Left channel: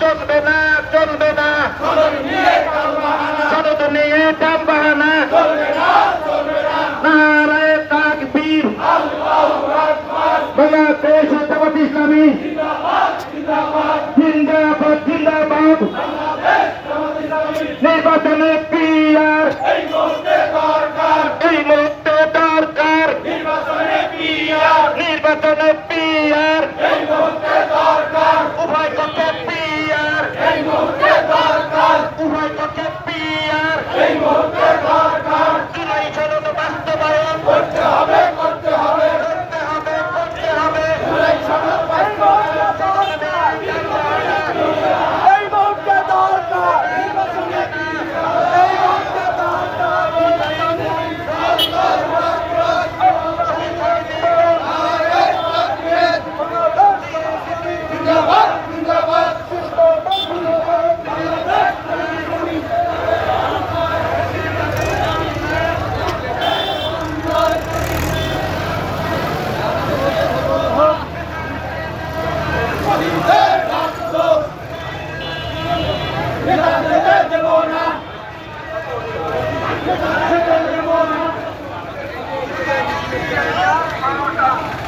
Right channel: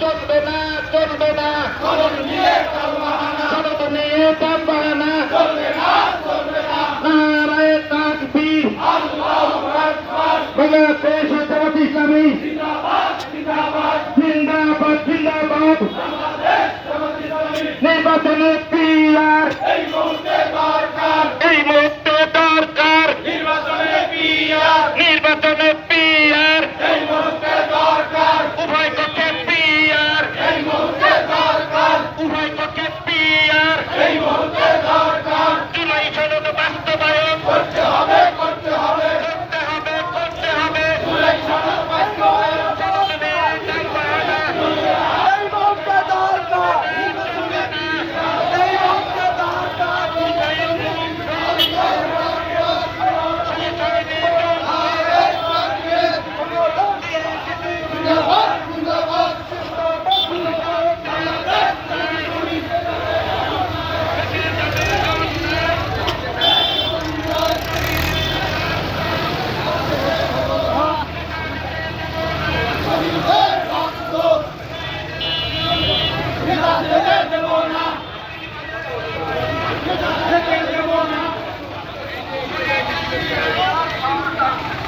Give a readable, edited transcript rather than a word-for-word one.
চলবে না চলবে না শরৎ নিয়ে টানবাহানা নারায়ে তাকবীর বাংলাদেশ জামাত ইসলামী জিন্দাবাদ জিন্দাবাদ নির্বাচনে পিআর এই মুহূর্তে দরকার নির্বাচনে পিআর উভয় পক্ষে পিআর উভয় পক্ষে পিআর জুলাই সনদ বাস্তবায়ন করতে হবে করতে হবে Yeah.